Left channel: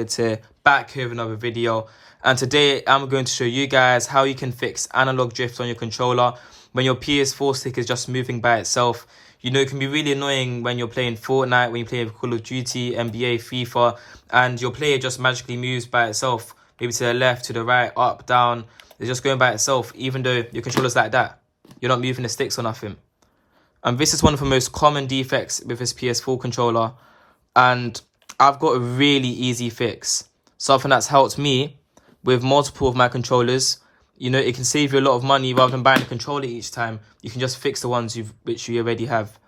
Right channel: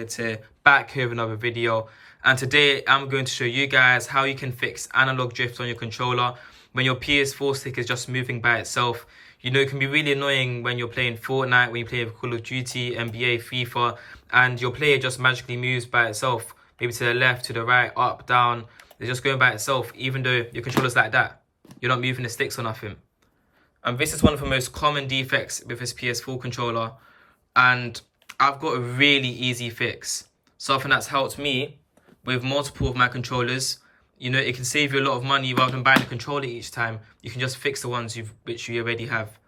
David here, back here with another video. And today I'm going to show you guys how you can fix analog drift on your controller when your PS4 stick is just moving by itself. You know, it can be really annoying when you're playing Fortnite, when you play Call of Duty, NBA, FIFA, and your player just magically moves by itself, maybe to the left, to the right, up, down. It's just going by itself, even though your controller's like that. You're not moving the sticks or nothing. And this is one of the most common defects with this PS4 controller. And I've got a really easy fix. Something that's helped me with multiple of my controllers. You know, it can save you a lot of money rather than buying a controller each time. You can just fix the ones which you already have.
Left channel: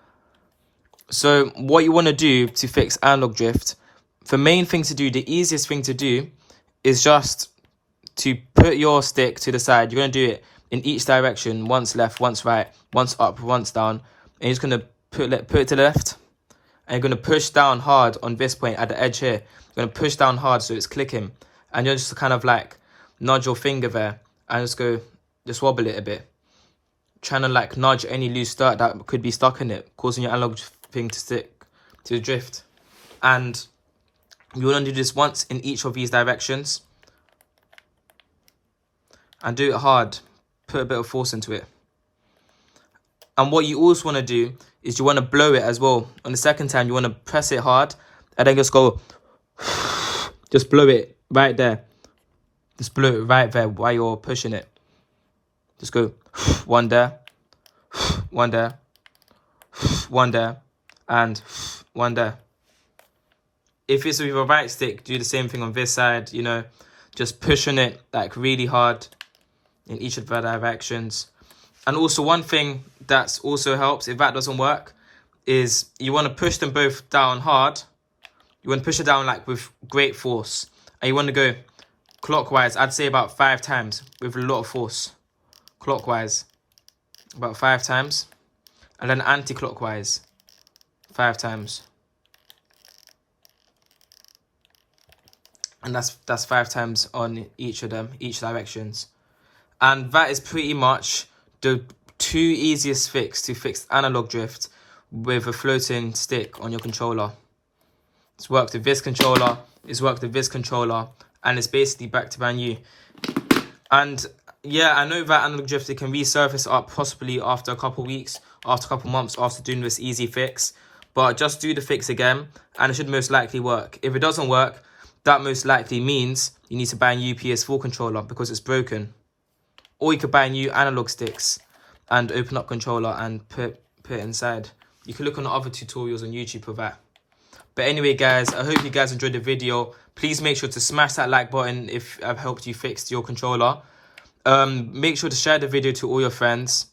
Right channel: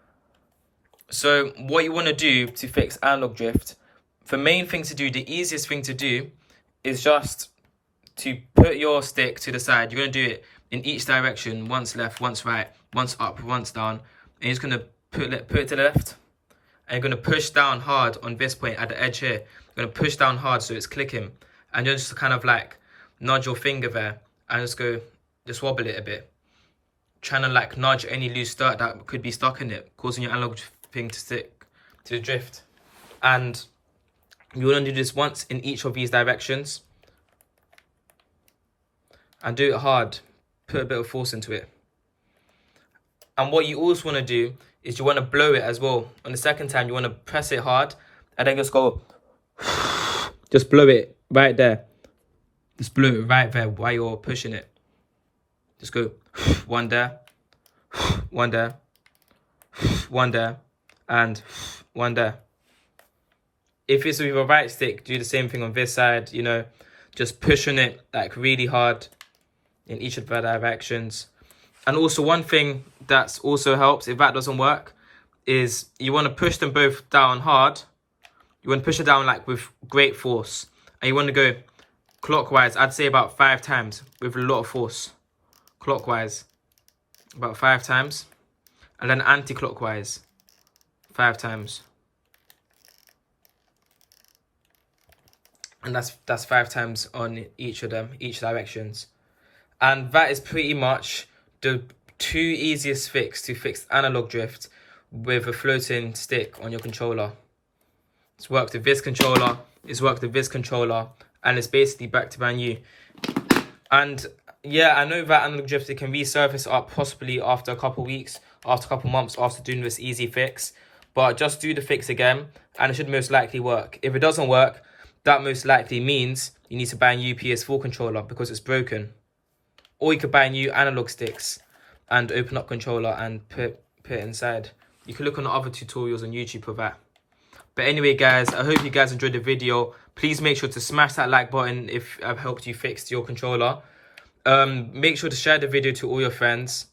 So what you want to do to fix analog drift, the main thing to do, the easiest thing to do is just to put your stick to the side. You're going to do it in each direction, once left, once right, once up, once down. And you're just going to put it to the left. And you're going to push down hard on this point at the edge here. You're going to push down hard so it's clicking. And you're just kind of like nudge your finger there and just wobble it a bit. Trying to like nudge any loose dirt that could be stuck in it, causing your analog thing to stick to drift. And you want to do this once in each of these directions. And do it hard. Put a bit of force into it. And what you also want to do is you want to blow it as well. On the second time, you want to press it hard and then just go, just blow it right there. Just blow it right there while you're pushing it. Just go one there, one there, one there, and one there. If it's with your right stick, do the same thing on this side, you know, just pushing it like really hard in each of the directions. And also one thing that also helps, if that doesn't work, is you want to push them both down hard. You want to push it down like with great force. And you want to go clockwise, I'd say about 5 times with a lot of force. Clockwise, about 5 times. And then anti-clockwise, 5 times. And that's 5 times on each of them, each directions. And that is pretty much the 2 easiest fix to fix analog drift with a floating stick on your controller. It's worked with this controller, it's worked with this controller, and it's basically back to brand new. And yeah, I know that analog drift, it can resurface up possibly after a couple weeks, after a couple months after doing this easy fix. But just do the fix again, and it should most likely work. If it doesn't work, that most likely means you need to buy a new PS4 controller because it's broken. Or you could buy new analog sticks and open up controller and put it inside. You can look on the other tutorials on YouTube for that. But anyway, guys, I hope you guys enjoyed the video. Please make sure to smash that like button if I've helped you fix your controller. Make sure to share the video to all your friends.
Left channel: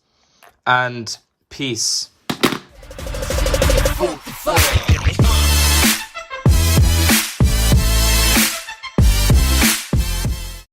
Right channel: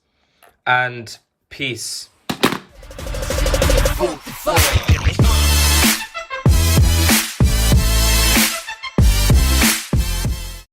And peace.